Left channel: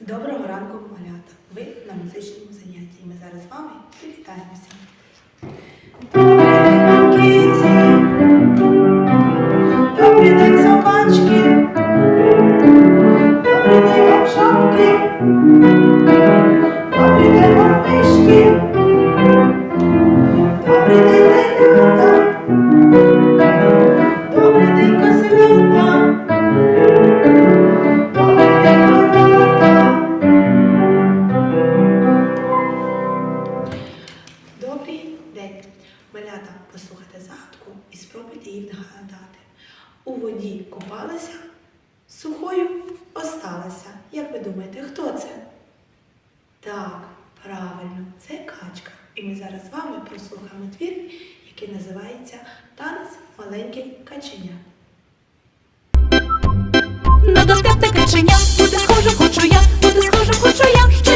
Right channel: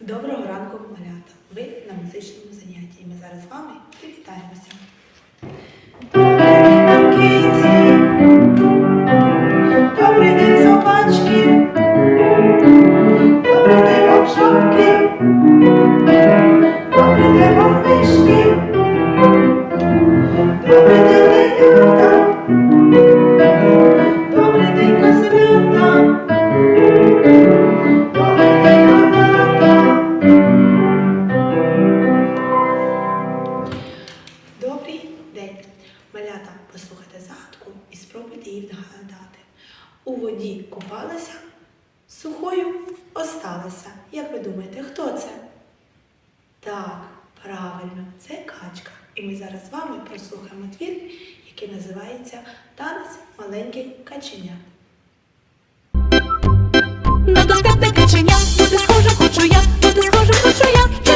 Доброго ранку, малята! Ви на музичному занятті. Ми зараз з вами привітаємося. Добрий день собачки! Добрий день, обшапки! у воді купалася, сухою осталася. Як ви думаєте, хто це? Так, правильно, це качка. І ми зараз з вами прослухаємо твір, який називається Танець маленьких каченят. На доспятне каченя, бути схоже, хочу я, бути схоже, хочу я.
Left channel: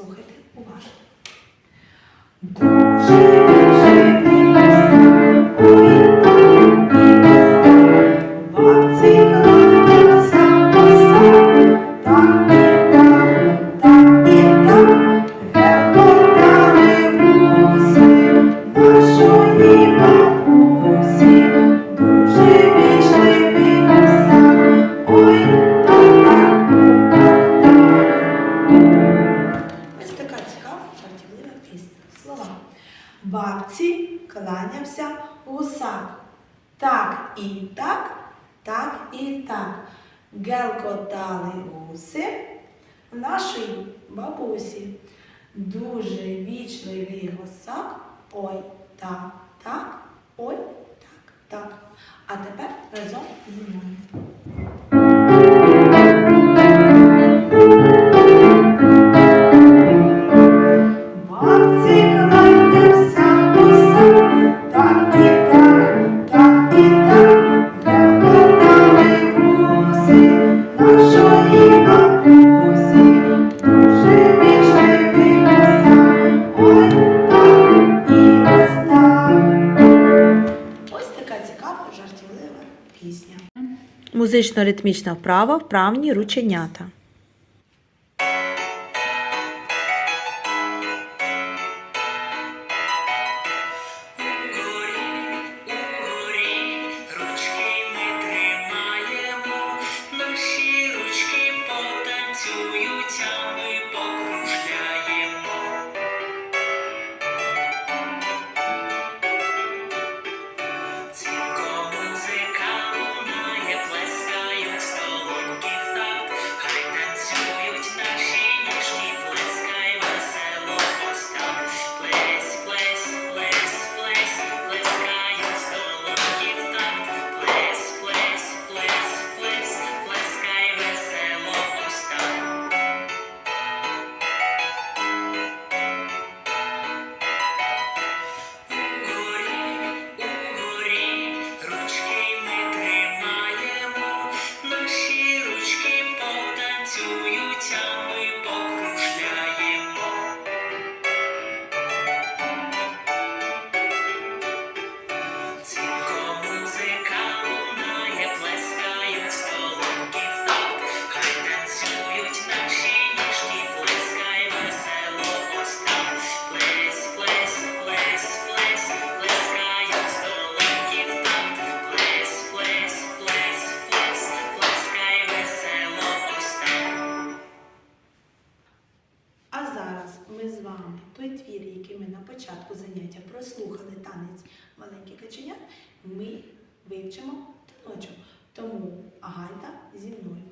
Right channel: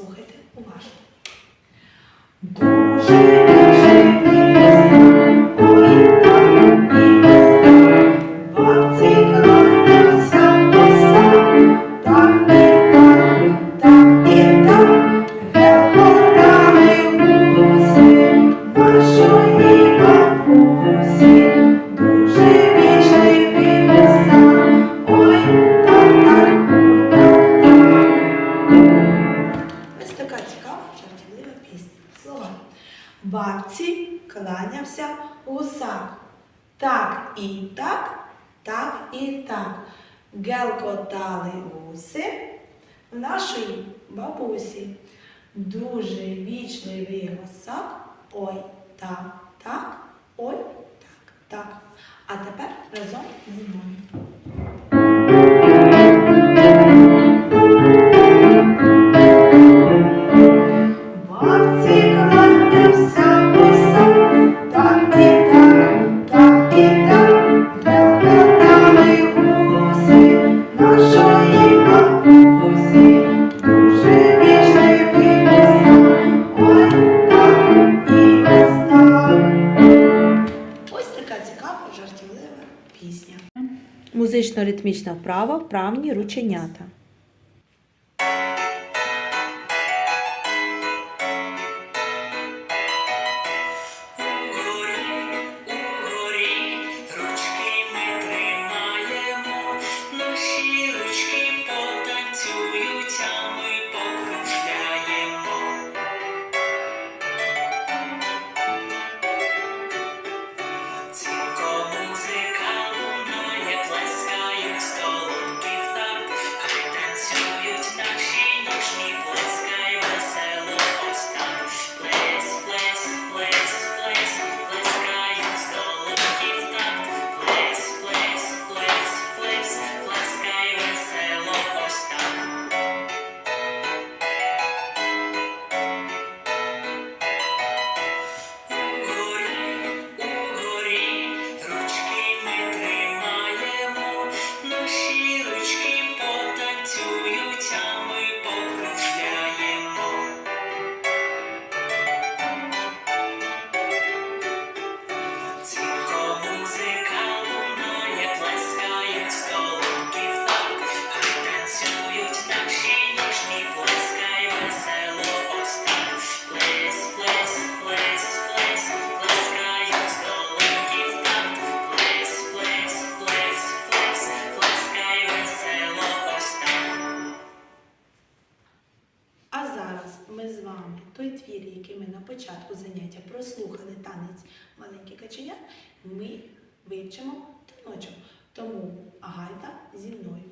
Слухайте уважно. Дуже нашої бабусі. Дуже вічливий госак. Ой так, так, ой так, так. А тепер разом зі мною. ритмічна вправа вправні рученята. початку заняття прослухали танець маленьких каченят, ми вивчимо таночок. Тому гайда зі мною.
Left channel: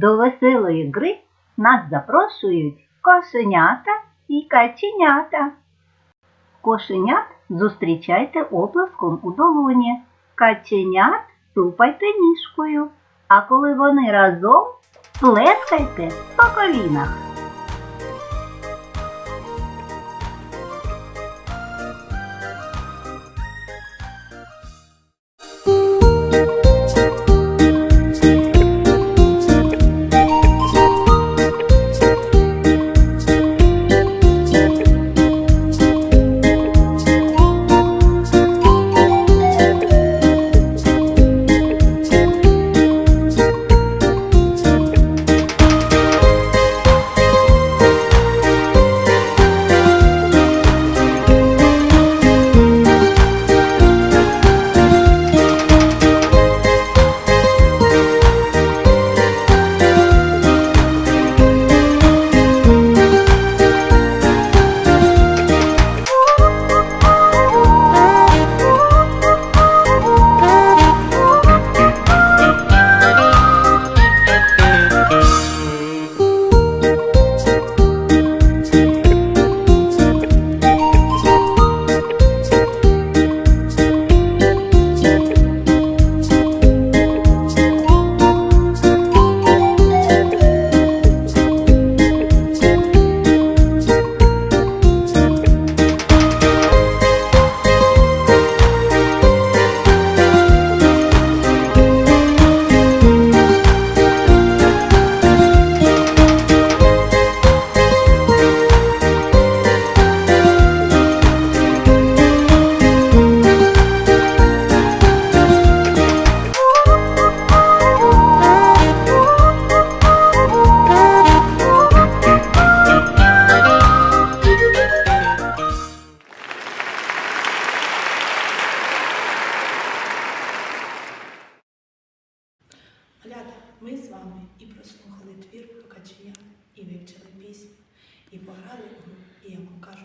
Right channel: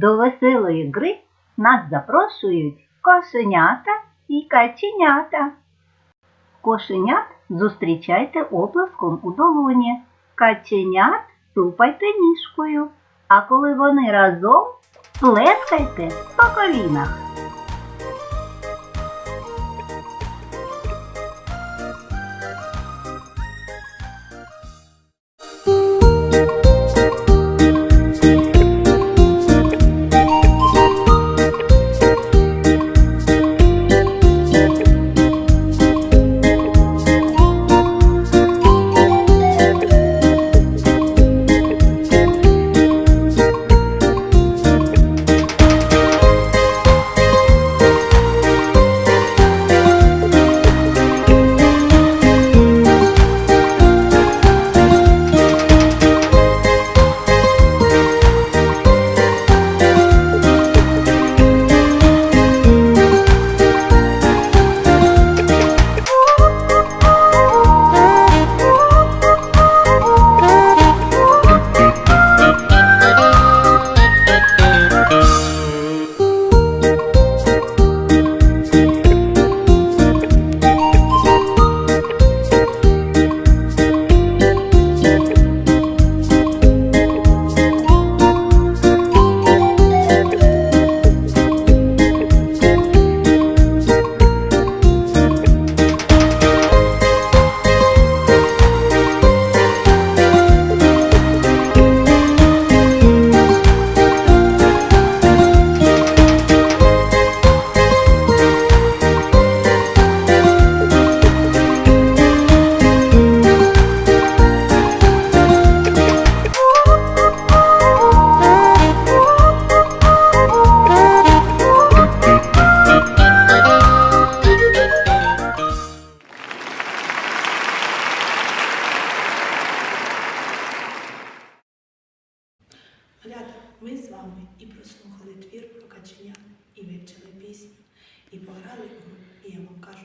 До веселої гри нас запрошують кошенята і каченята. Кошенят зустрічайте оплеском у долоні. Каченят тупайте ніжкою, а коли вони разом плескайте по колінах. і пограли, і я вам кажу.